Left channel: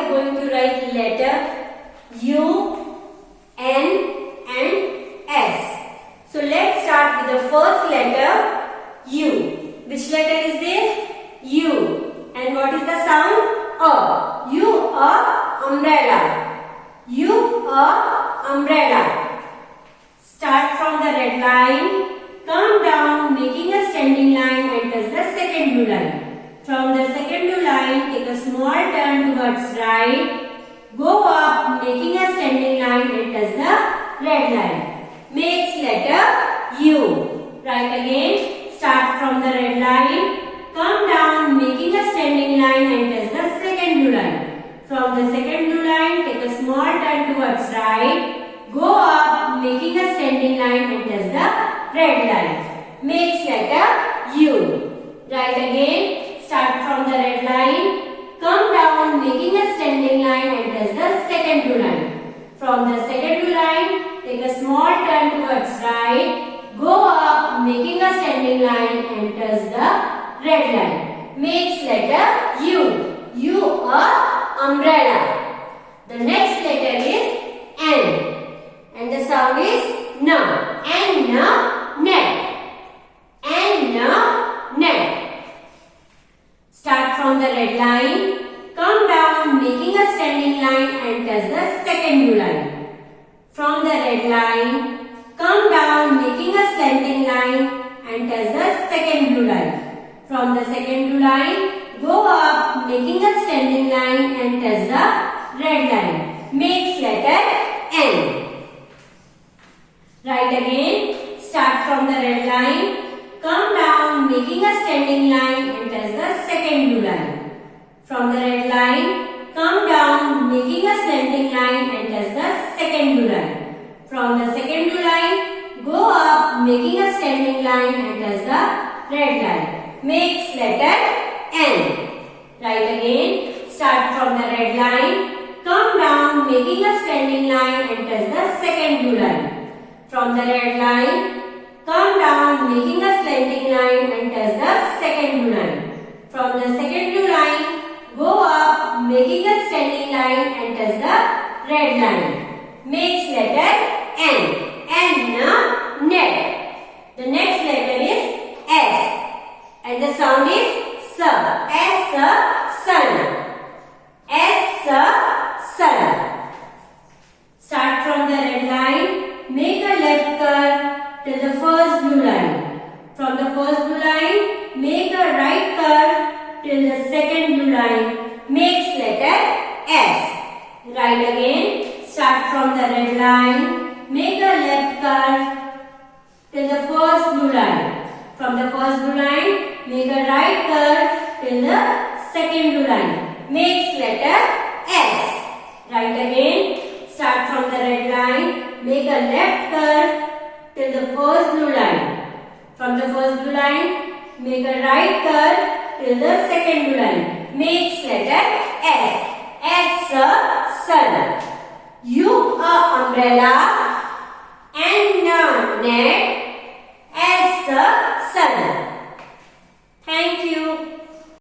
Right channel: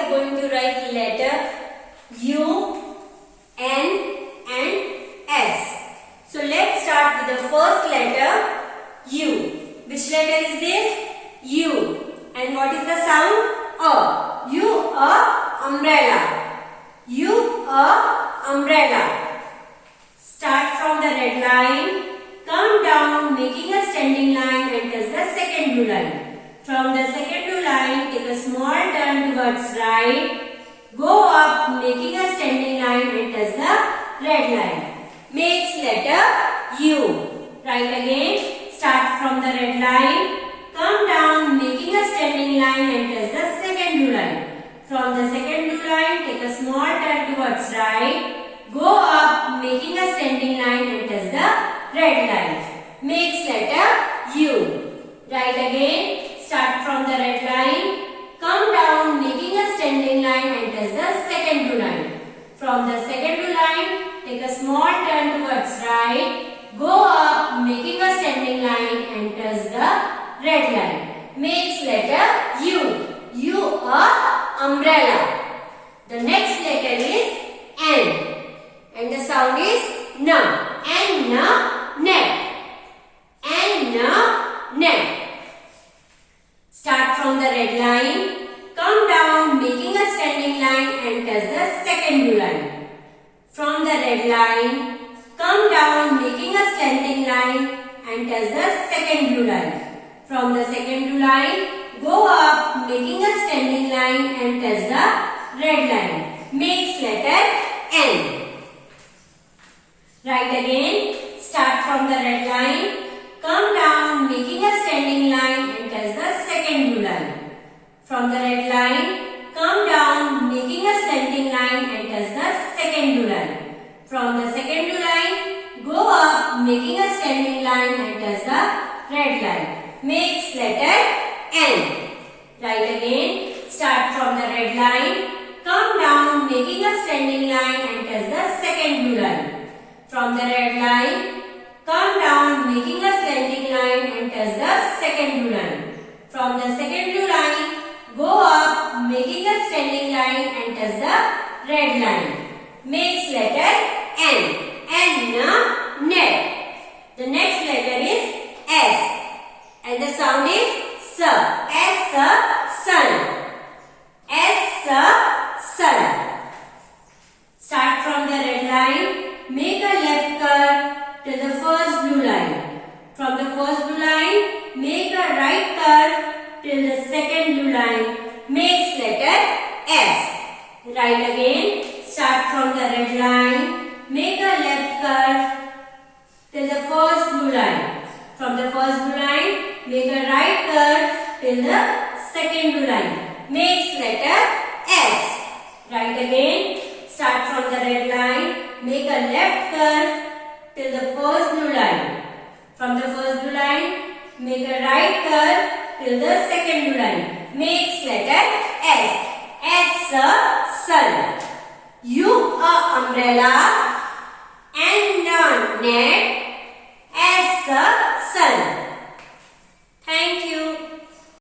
are going to write letter U, N and S. So let's start with the first letter U. Which letter is this? U. And what is the sound? A. U, a umbrella. U, a umbrella. Start from the red line, come down making a standing line and touch the second blue line. From the second blue line, take a small turn towards right, go up making a standing line and touch the red line. Makes letter U. Right again, start from the red line, come down making a standing line and touch the second blue line. From the second blue line, take a small turn towards right, go up making a standing line and touch the red line. Makes letter U. Right again, start from the red line, come down making a standing line and touch the second blue line. From the second blue line, take a small turn towards right, go up making a standing line and touch the red line. Makes letter U. U, a umbrella. The next letter is N. And the sound is N. N, net. N, net. Start from the red line, come down making a standing line and touch the second blue line. From the red line, come down making a slanting line and touch the second blue line. From the second blue line, go up making a standing line and touch the red line. Makes letter N. Right again, start from the red line, come down making a standing line and touch the second blue line. From the red line, come down making a slanting line and touch the second blue line. From the second blue line, go up making a standing line and touch the red line. Makes letter N. Right again, start from the red line, come down making a standing line and touch the second blue line. From the red line, come down making a slanting line and touch the second blue line. From the second blue line, go up making a standing line and touch the red line. Makes letter N. N, net. The next letter is S. And the sound is S. S, sun. S, sun. Start from the red line, make a left curve till the first blue line. From the first blue line, make a right curve till the second blue line. Makes letter S. Right again, start from the red line, make a left curve till the first blue line. From the first blue line, make a right curve till the second blue line. Makes letter S. Right again, start from the red line, make a left curve till the first blue line. From the first blue line, make a right curve till the second blue line. Makes letter S. S, sun. U, a umbrella. N, net. S, sun. Thank you.